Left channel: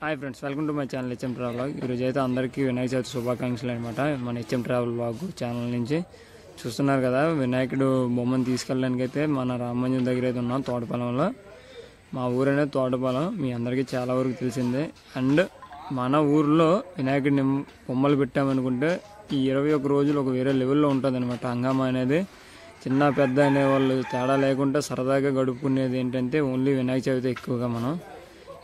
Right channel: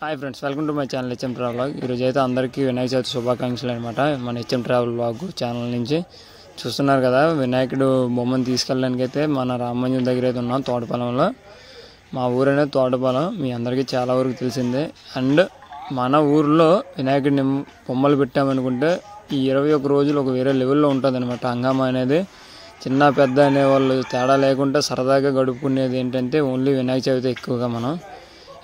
Hi friends, welcome to my channel HM travel vlog. ఈరోజు అయితే అందరికీ వినాయక చవితి శుభాకాంక్షలు అనమాట. మన హెచ్ఎం ట్రావెల్ వ్లాగ్ ఛానల్ నుంచి చూస్తున్నారు కదా. వినాయకుడు బొమ్మను తీసుకెళ్ళడానికి అయితే మన రామమందిరం దగ్గర అయితే ఉన్నాం, తోటపాలెంలో. మా ఊరు అనేది తోటపాలెం, మీ అందరికీ చాలా వరకు తెలిసిందే. అండ్ మన ఊరిలో వినాయకుడిని బొమ్మలు పెట్టామనుకుంటే ఈ 21 రోజులు ఒక వేరే లెవెల్లో ఉంటుంది అనమాట. హంగామా అనేది చిన్న పెద్ద అనేవాళ్ళు తేడా లేకుండా సరదాగా గడుపుకునేది ఏంటంటే ఓన్లీ వినాయక చవితి ఎక్కువగా మనం.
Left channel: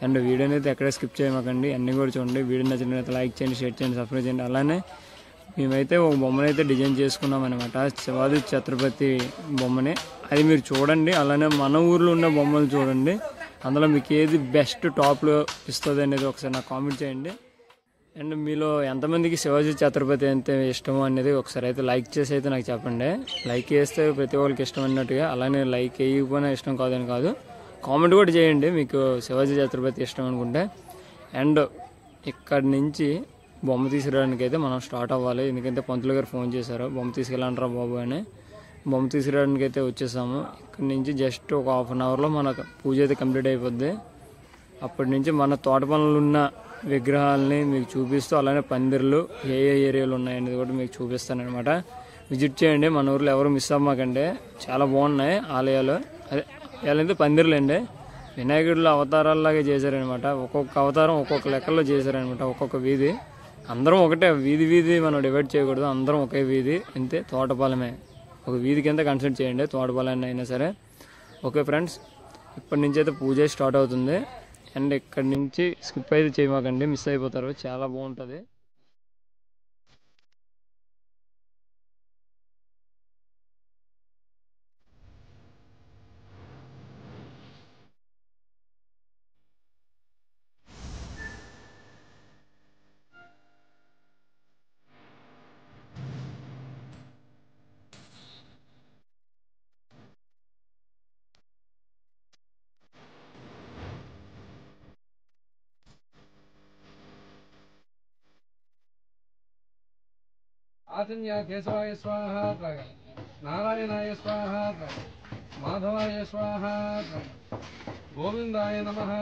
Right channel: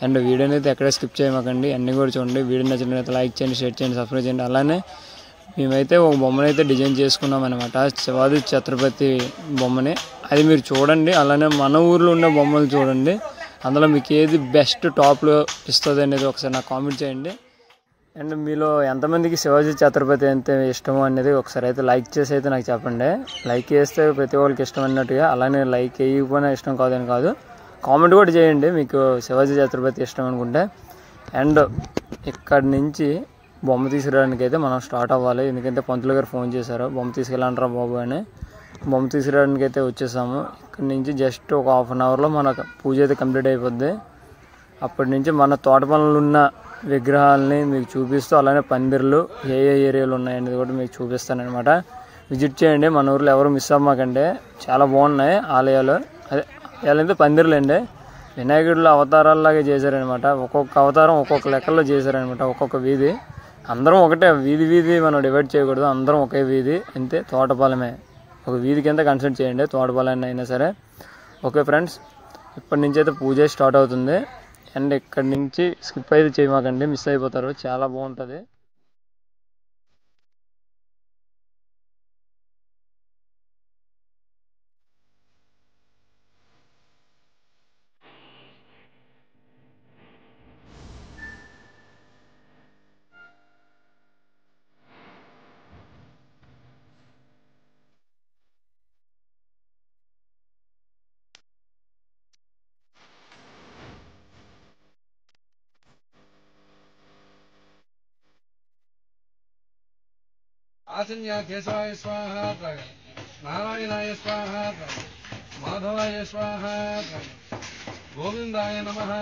అండ్ వీడియోని అయితే ఎక్కడే స్కిప్ చేయమాకండి, అన్నీ కూడా చూడండి. వీడియో నచ్చినట్లయితే లైక్ చేయండి, షేర్ చేయండి, సబ్స్క్రైబ్ చేయండి. అలానే మేమైతే ఒక బొమ్మను అయితే డిజైన్ చేసుకున్నాం అనమాట, శివాజీ ఛత్రపతి బొమ్మని. అది మీరు చూడండి. అలానే మన ఊర్లో ఉన్న బొమ్మలు చూడండి. అందులో మీకు ఏది బెస్ట్ టాప్లో ఇస్తుంది అనేది ఒకసారి నాకు కామెంట్ చేయండి. అండ్ మీలో ఎంతమందికి శివాజీ ఛత్రపతి అంటే ఇష్టమో అనేది ఒకసారి అయితే లైక్ చేసి అయితే నాకు చెప్పండి. లైక్ చేస్తే ప్రతి ఒక్కరికి ఇష్టం అన్నట్టుగా, అలానే లైక్ వేయకపోయినా ఇష్టం కాదని కాదు, కామెంట్ కూడా చేయండి మీకు శివాజీ ఛత్రపతి ఇష్టం అనుకుంటే. అండ్ ఇక్కడి నుంచి బొమ్మ తీసుకురావడానికి అయితే మనం స్టార్ట్ అవ్వాలి, ఎందుకంటే పంతులు గారు ఫోన్ చేశారు బొమ్మ తీసుకెళ్ళంటారా బాబు అని. బొమ్మ తీసుకురావడానికి అయితే వచ్చేసాము. ఇక్కడి నుంచి జస్ట్ ఒక హాఫ్ అన్ అవర్లో మన పూజ అయితే కంప్లీట్ అయిపోద్ది. అప్పటి నుంచి మన తోట పనులు ఉన్న విగ్రహాలని మీకు చూపిస్తూ, అలానే పందిర్లు ఏ ఏరియాలు ఉన్నాయనేది కూడా మీకు చూపిస్తానమాట. విజిట్ చేయండి, మన ఊర్లో ఎవరు మిస్ అవ్వమాకండి, చాలా బాగున్నాయి ఆలయాలు. అదే వీళ్ళైతే పందిర్లు అండి, వినాయకుడిలో అవతారాల్లాగే చేశారనమాట. ఒక్కొక్క అవతారం ఒక్కొక్క లెక్కల్లో చేశారనమాట, ఒక్కొక్క వీధి. అందరం ఒకటే వీధి మనం డివైడ్ చేయకూడదు, అందరం ఒకే వీధి అంతే. తోటపాలెమే ఒక వీధి కింద కన్సిడర్ చేయండి, తోటపాలెం అయినా సరే. ఓకే ఫ్రెండ్స్, ఇప్పటి నుంచి అయితే పూజ స్టార్ట్ అవుతుంది. అండ్ ఇక్కడి నుంచి స్కిప్ అయితే చేయమాకండి, మిస్ అయిపోతారు, చాలా బాగుంటుంది. आसन्या केशवाय स्वाहा, नारायणाय स्वाहा, माधवाय स्वाहा, गोविंदाय नमः.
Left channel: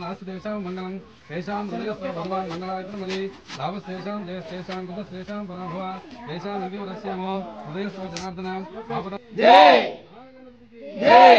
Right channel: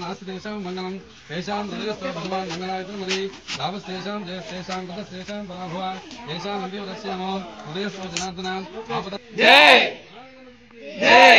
नास्तेषां मंगलम तेषां हृदयस्थ भगवान् मंगलायतनमदि लाभस्तेषां जयस्तेषां कृतस्तेषां पराभवा तेषां हृदयवरस्यामो हृदयस्थ जनार्दनां आपद जय जय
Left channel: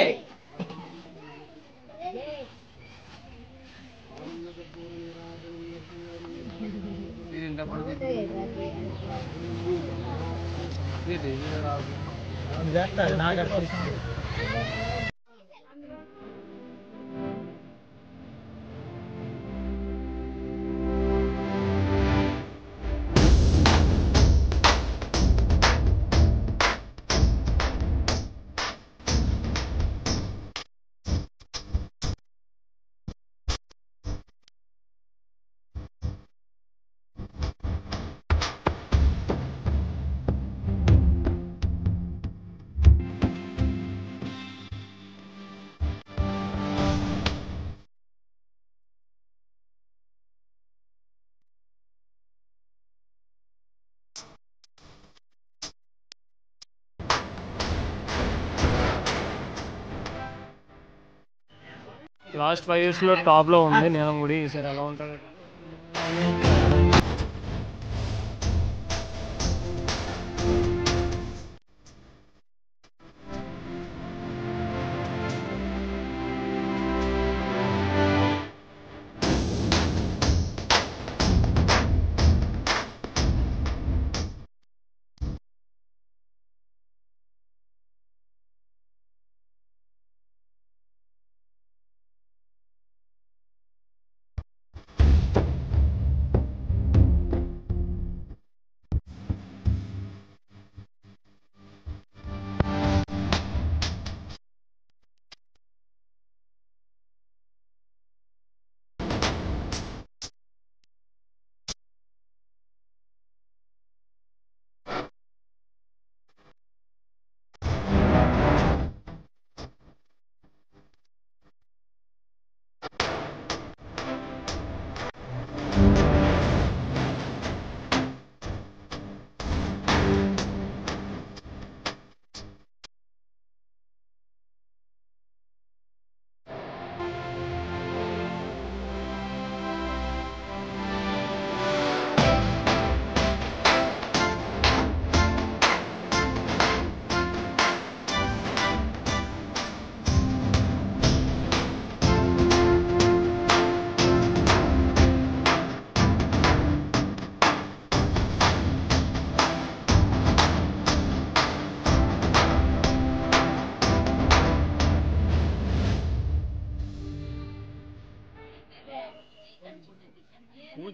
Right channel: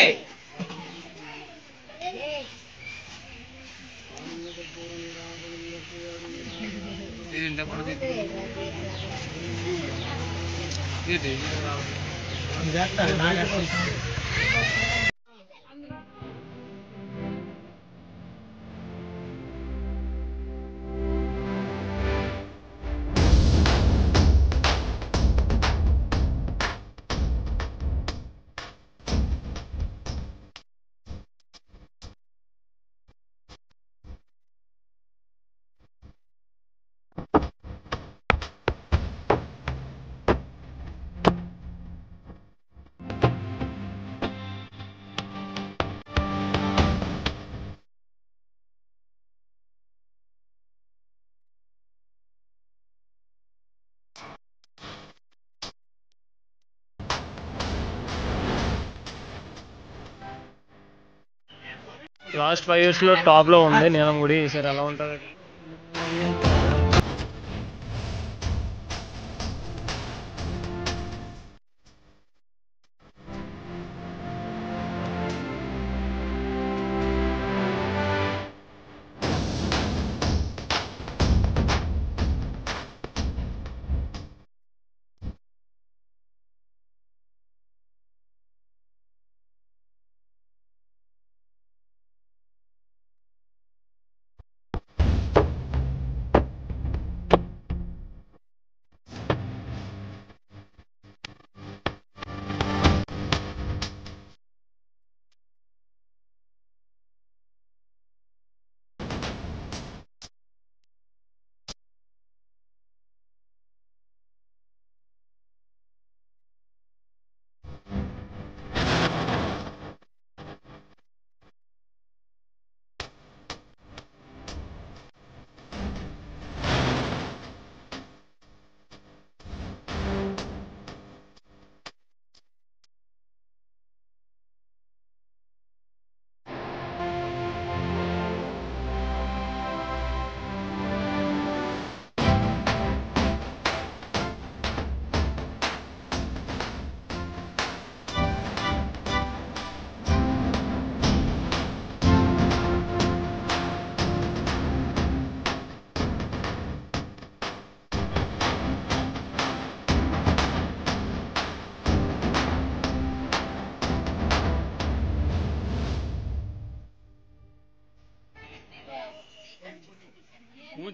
లాస్ట్ 5 yearsలో టాప్లో ఉంది నీలం గుడి. ఈసారి ఎలా ఉంటుంది?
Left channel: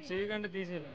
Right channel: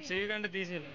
చెయ్యి కంటే తీసేయాలి